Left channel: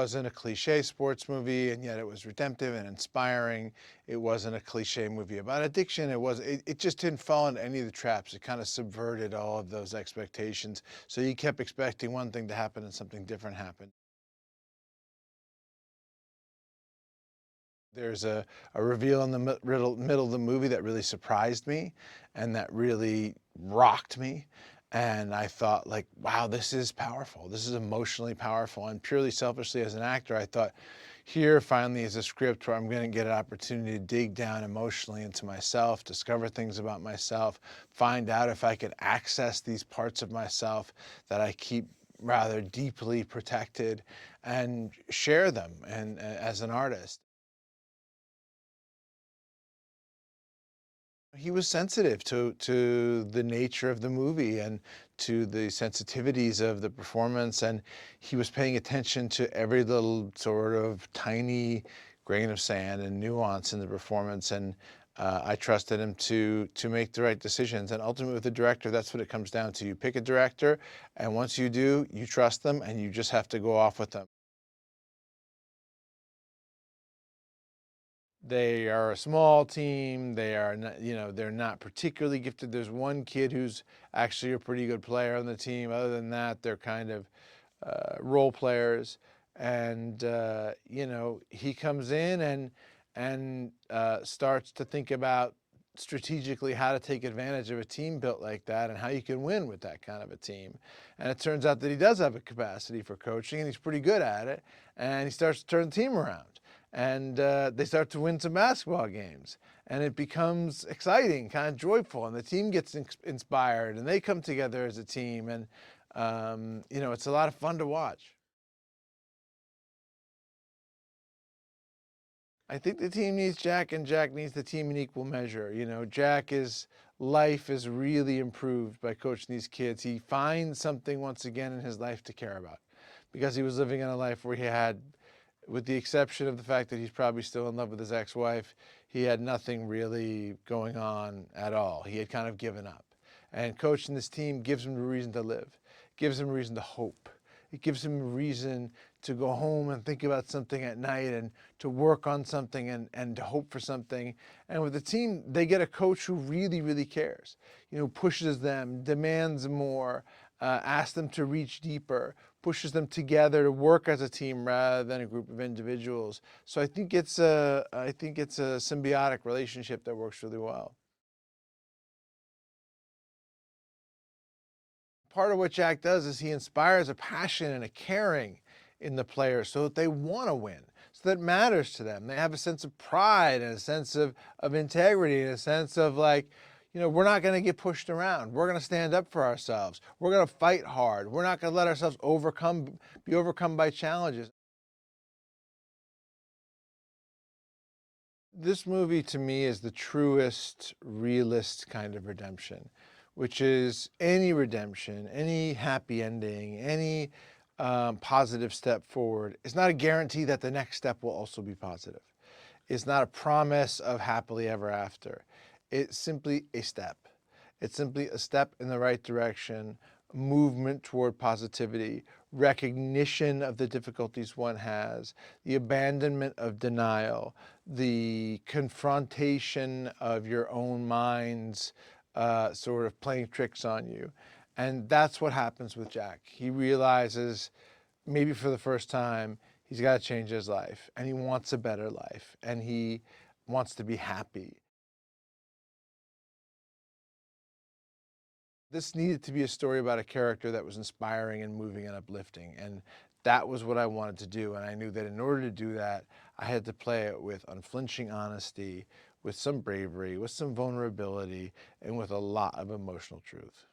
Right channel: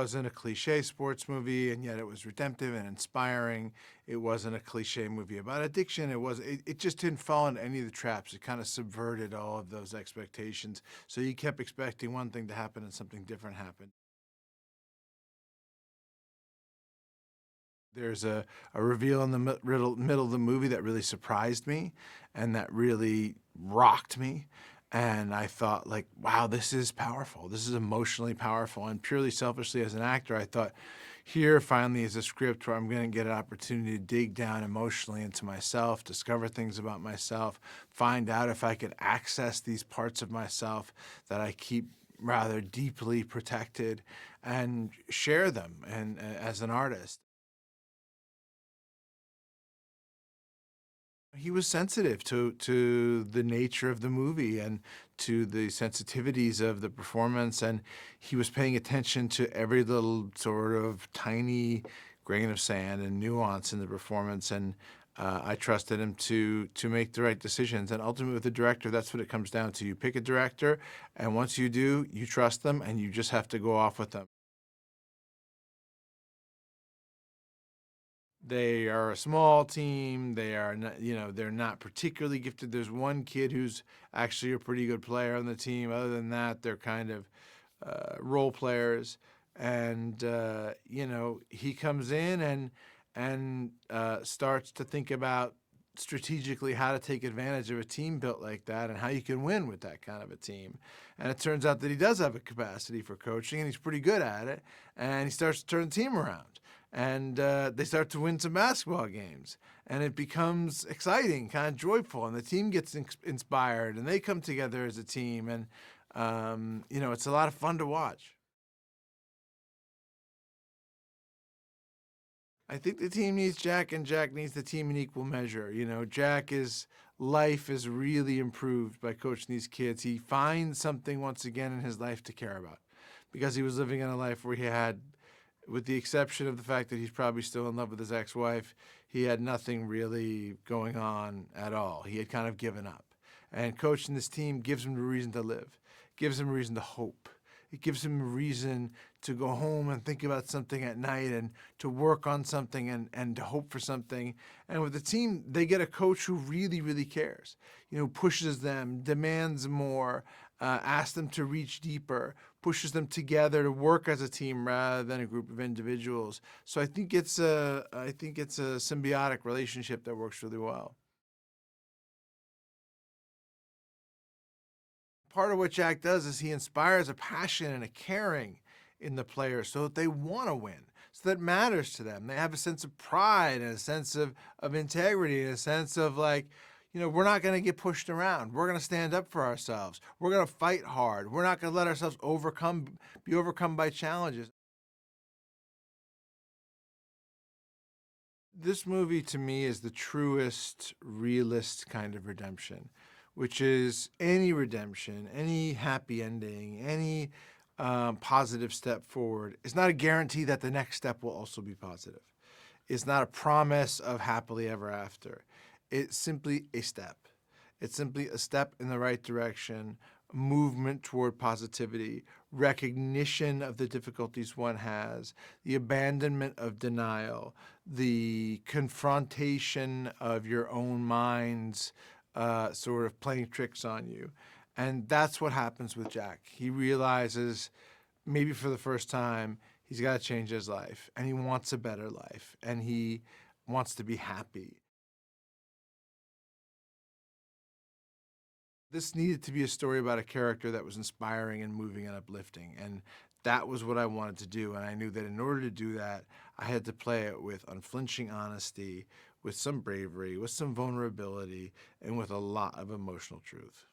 wasn't a cliche sports movie, and yet it was redemptive and inspiring. It wasn't a cliche movie about addiction. It just didn't fall into any of the traps. It kind of subverted all of those expectations. So you kept expecting one thing to happen and something different happened. There's a reveal in the middle of the movie that really surprised me and that really rocked me. And I thought, like, wow, this is powerful. This is emotionally powerful. And purely selfishly as an actor, I thought, here finally is a script where I'm going to get an opportunity to dig down emotionally into myself, discover things about myself, find out if I could access these parts of myself that I keep rather deeply protected and share them and as an artist. He was sensitive to the nature of the movie and to the sensitivities of the performance, and he was paying attention to every little sort of tiny grain of sand and nuance in the performance, and I trusted him to make the right decisions. And ultimately, with the director, that's what it comes down to. You pick a director, and once you do, you trust them, and you just have to go off with them. They are a small team. They are not, they're not particularly gifted. There's one kid who's actually a pretty good player on the team. Other than that, they're kind of role players. And he comes in and starts to think about strategically how to take advantage of a team built like that and how you can win with that kind of a team. And it turns out that he does have a capacity for coaching, and he's pretty good at it. And he starts to turn the team around. And they start to win some basketball games, and it becomes exciting, kind of joyful, and the team gets inspired, and they come together as a team, and it's a lot of fun to watch. I think the team needs Jack, and Jack needs the team in equal measure. Jack's life is really improved by coaching these kids. He finds something once again in his life to care about, because he was living in a life where he had, with the exception of the fact that he's probably still in love with his ex-wife, he had nothing really going on at all. He had kind of given up. And coaching this team gives him a reason to live, gives him a reason to hope. It gives him a reason to go home and think about something at night and to work on something and to hope for something. And with the team, they get a coach who really, really cares, pushes them, demands more, asks them to reach deeper, pushes them together to work as a team rather than a group of individuals. So I think it's a symbiotic relationship that works really well. Part of what Jack does is he inspires a passion and a caring in the players so that they want to win, so that it matters to them. They have a sense of pride and a sense of integrity and a sense of we're not going to get pushed around. We're going to stand up for ourselves. We're going to fight hard. We're not going to let ourselves be overcome by challenges. This movie to me is the truest, realist kind of redemption, which is any redemption, any happy ending, any positive step forward. It's not a guarantee that the next step will also be positive. It's not a promise of happily ever after. It's simply a step. It's simply a step in the right direction, movement toward positivity, recognition of the difficulties one has, the abandonment of denial, the confrontation of your own mind's sort of playing tricks on you. And that's what happens with Jack. He realizes, maybe for the first time, he's got to change his life, and he wants a better life, and he wants to be happy. This needed to be a story about a character that was inspiring and moving and uplifting, and that was what I wanted to do. And I knew that in order to do that, I had to play it with unflinching honesty, with some bravery, with some vulnerability, and with a lot of emotional truth.